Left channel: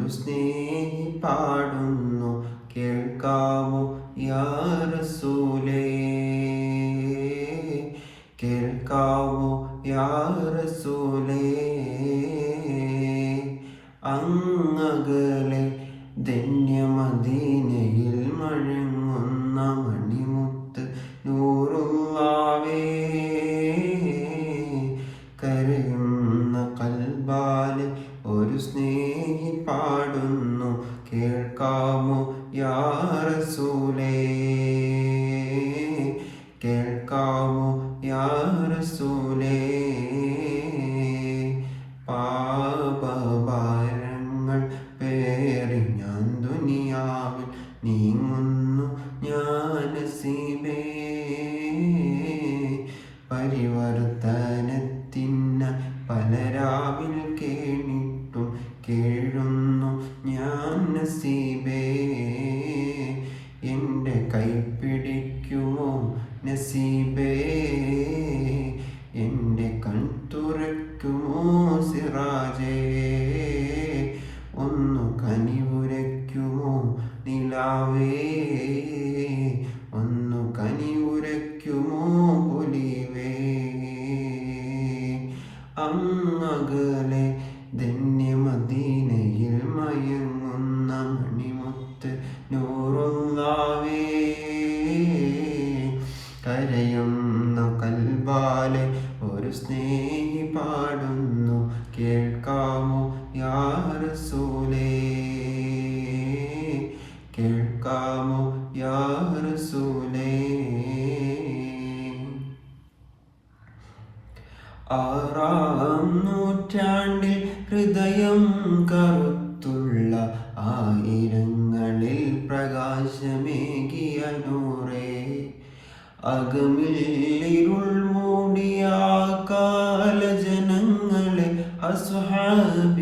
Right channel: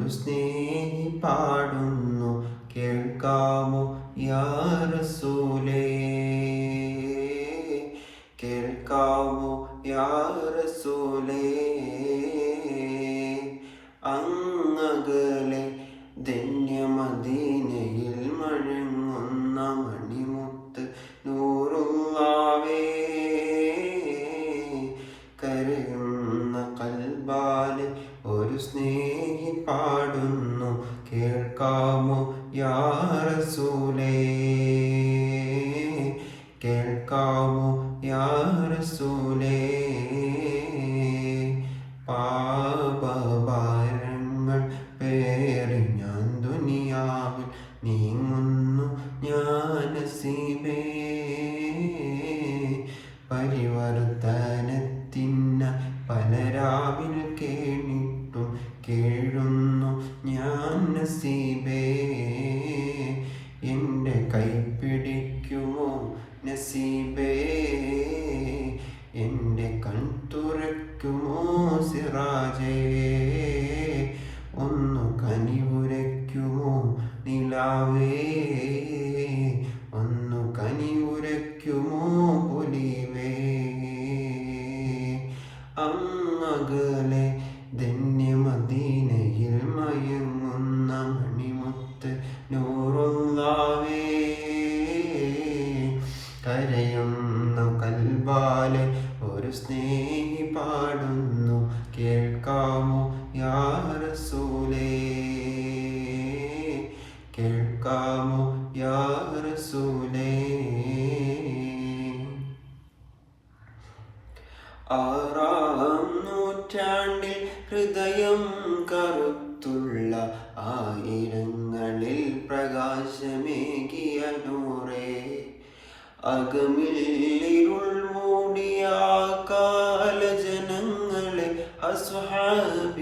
ഒരു സ്നേഹി പാടുന്നു കേൾക്കാമോ യാ റസൂലേ, കേൾക്കാമോ യാ റസൂലേ. അങ്ങകലെ ധന്യമദീനയിൽ മഴങ്ങുന്ന മണിമുത്ത് നൂറുള്ളാവേ, കരയുന്ന കൽബാലെ ഒരു സ്നേഹി പാടുന്നു കേൾക്കാമോ യാ റസൂലേ, കേൾക്കാമോ യാ റസൂലേ. പാപഭാരങ്ങൾ പേറി ഞാൻ ദുനിയാവിൽ നീങ്ങുന്നു ഞാൻ നസീബേ, പരിവർത്തനത്തിന പലരാവിൽ കേണിട്ടും കേഴുന്നു ഞാൻ നസീബേ. എൻ്റെ കൈപിടിക്കുമോ നസീബേ, എൻ്റെ കൺതുറയ്ക്കുമോ സിറാജേ, ഒന്ന് കനിവുരയ്ക്കുമോ നിലാവേ, ഒന്ന് കനിവുരയ്ക്കുമോ പൊലിവേ. അങ്ങകലെ ധന്യമദീനയിൽ മയങ്ങുന്ന മണിമുത്ത് നൂറുള്ളാവേ, കരയുന്ന കൽബാലെ ഒരു സ്നേഹി പാടുന്നു കേൾക്കാമോ യാ റസൂലേ, കേൾക്കാമോ യാ റസൂലേ. ആറാം നൂറ്റാണ്ടിൽ ഹൃദയം കറുത്തുള്ള ആയിരങ്ങളിൽ പ്രകാശമേകിയ നൂറേ, അകമിൽ ഇരുൾ മൂടിയ കാല ജനങ്ങളെ അസ്ഹാബി